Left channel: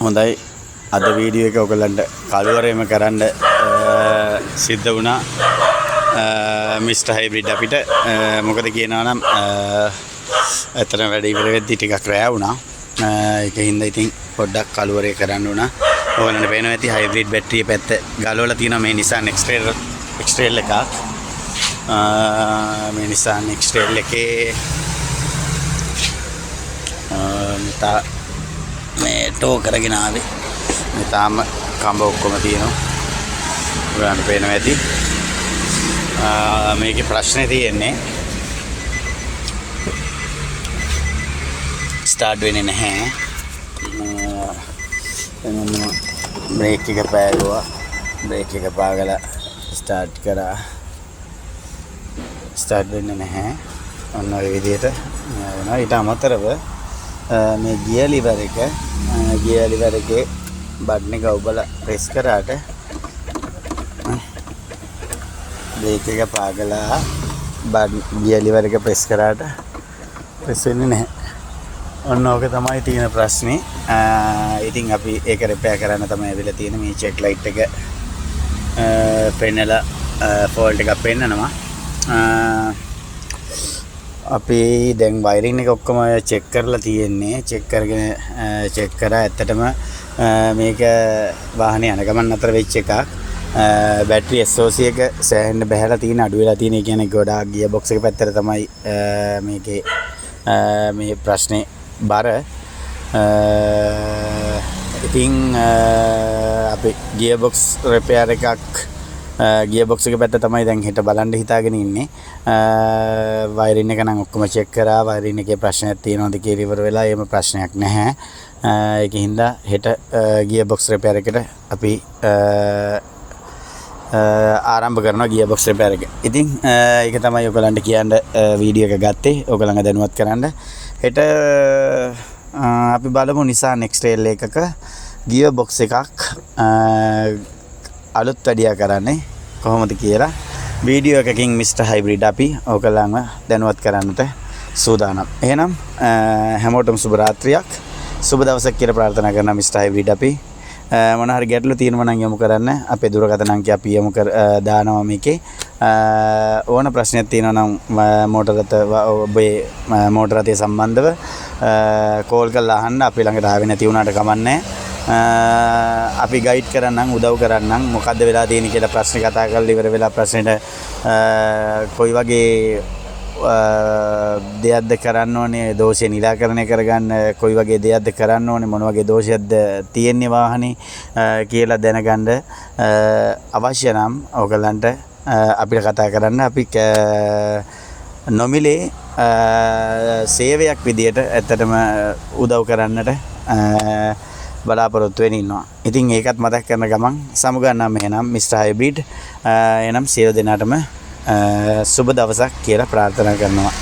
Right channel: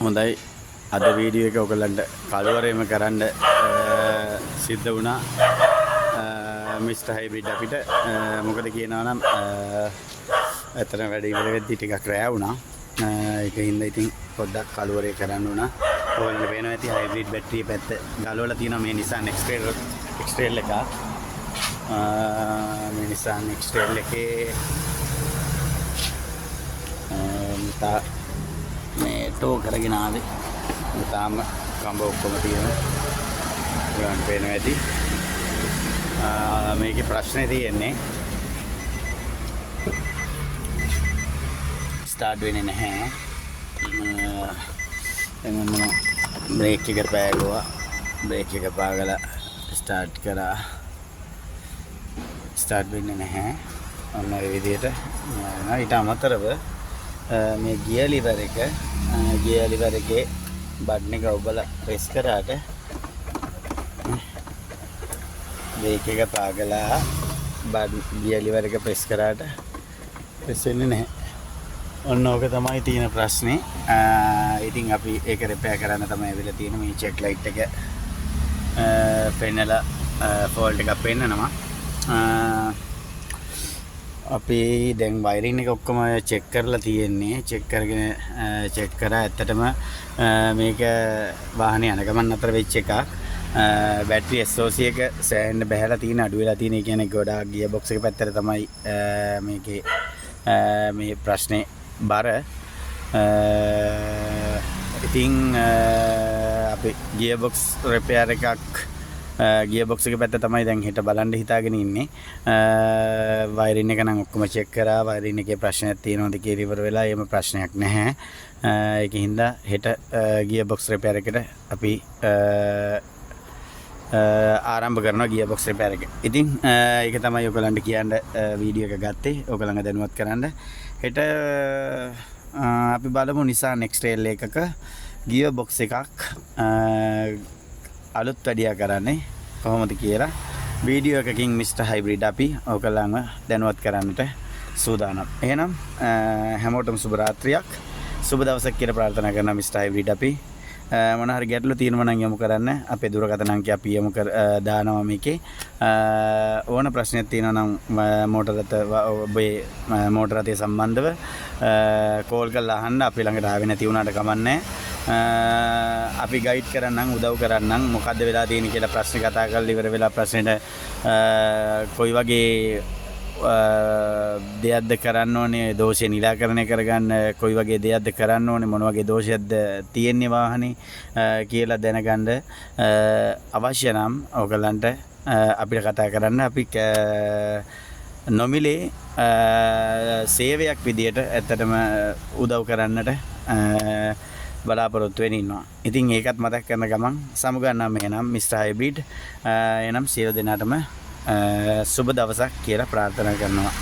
හොඳයි අද වීඩියෝ එක ඔයගලන්ට කළුවරේම කරන්න සිද්ධ වුණා මිස්ටර් හයිබ්‍රිඩ් අපිට මොකද කියනවා නම් ඇත්තටම වැඩ ඉවර වෙද්දි ටිකක් රැ වුණා ඒකින්ද ඉතින් පොඩ්ඩක් කළුවරේ කරන්න වුණා ඔයගලන්ට පේනවා ඇති හයිබ්‍රිඩ් බැටරිය පැත්ත ගලවලා තියෙනවා මේ Nissan X-Trail එකක් මේ Nissan X-Trail එකේ මේ ටෝ කරගෙන ආවේ මේ තාම කම්බ ඔක්කොම තියෙනවා ඔයගලන්ට පේනවා ඇති මේකේ ප්‍රශ්නේ තියෙන්නේ ස්ටාර්ට් වෙන්නේ නැහැ එමන්ම බ්‍රේක් එක පෑගුවා බ්‍රේක් එක පාගලා ස්ටාර්ට් කරා ස්ටාර්ට් වෙන්නේ නැහැ ඔන්න ඔය විදිහට ඊට අමතරව මේ ගියර් ලිවර් එකේ බටන් එක ඔබලා ප්‍රෙස් කරාට බ්‍රේක් එක පාගලා ගියර් ලිවර් එක ප්‍රෙස් කරාට ප්‍රෙස් වෙන්නේ නැහැ. ඔන්න ඕක තමයි තියෙන ප්‍රශ්නේ. ඉතින් අපි ඒක රිපෙයාර් කරන්න තමයි ඇවිල්ලා තියෙන්නේ. මේ චෙක් ලයිට් එක පෙන්නලා ෆෝල්ට් එකක් පෙන්නනවා. අපි දැන් වයරින් එක ඔක්කොම චෙක් කරලා තියෙන්නේ. චෙක් කරා ඇත්තටම මේක වාහනේ යන ගමන් අතර වෙච්ච එකක්. බැටරි SOC එක සෑහෙන්න බහැලා තියෙන අඩු වෙලා තියෙන. ඒ කියන්නේ ගොඩාක් ගියර් බොක්ස් එක පැත්තට තමයි මේකේ මේ ප්‍රශ්නේ බර. ඉතින් අපි ගියර් බොක්ස් රිපෙයාර් එකක් ගියර් බොක්ස් එක පැත්ත තමයි දැන් හෙට බලන්න හිතාගෙන ඉන්නේ. වයරින් එක නම් ඔක්කොම චෙක් කරා. වයරින් එකේ ප්‍රශ්නයක් තියෙනවද කියලා ඉවර වෙලා එහෙම ප්‍රශ්නයක් නැහැ. ඒකින්ද හෙට ගියර් බොක්ස් රිපෙයාර් එකට අපි ආරම්භ කරනවා ගියර් බොක්ස් රිපෙයාර් එක. ඉතින් ඒක තමයි ඔයගලන්ට කියන්න වීඩියෝ එක ගත්තේ. ඔයගලන්ව දැනුවත් කරන්න. හෙට අපි බලමු Nissan X-Trail එකක ගියර් බොක්ස් එකක් අලුත් වැඩියා කරන්නේ කොහොමද කියලා වීඩියෝ එකකින් මිස්ටර් හයිබ්‍රිඩ් අපි ඔයගලන්ව දැනුවත් කරන්නට සූදානම්. එහෙනම් හැමෝටම සුබ රාත්‍රියක් සුබ දවසක් කියලා ප්‍රාර්ථනා කරනවා මිස්ටර් හයිබ්‍රිඩ් අපි. මොන හරි ගැටලු තියෙනවා නම් යොමු කරන්න. අපේ දුරකථන අංකය අපි යොමු දානවා මේකේ. ඕන ප්‍රශ්නයක් තියෙනවා නම් ඔබේ මෝටර රථය සම්බන්ධව කෝල් කරලා අහන්න. අපි ළඟට ආවේ නැති වුණාට කමන්නේ. අපි ගයිඩ් කරන්නම් උදව් කරන්නම් මොකද්ද වෙලා තියෙන්නේ කියලා ප්‍රශ්න කතා කරලා ඉවර වෙලා ප්‍රශ්නෙට කොයි වගේ දෙයක්ද කරන්න ඕනේ දෝෂය නිරාකරණය කරගන්න කොයි වගේ දෙයක්ද කරන්න ඕනේ මොන වගේ දෝෂයක්ද තියෙන්නේ වාහනේ කියලා දැනගන්න අවශ්‍ය නම් ඔයගලන්ට අපිට කතා කරන්න. අපි නොමිලේ සේවයක් විදියට ඇත්තටම උදව් කරන්නට බලාපොරොත්තු වෙන ඉන්නවා. ඉතින් ඒකත් මතක් කරන ගමන් සමුගන්නම් එහෙනම් මිස්ටර් හයිබ්‍රිඩ් එනම් සියලු දෙනාටම සුබ දවසක් කියලා ප්‍රාර්ථනා කරනවා.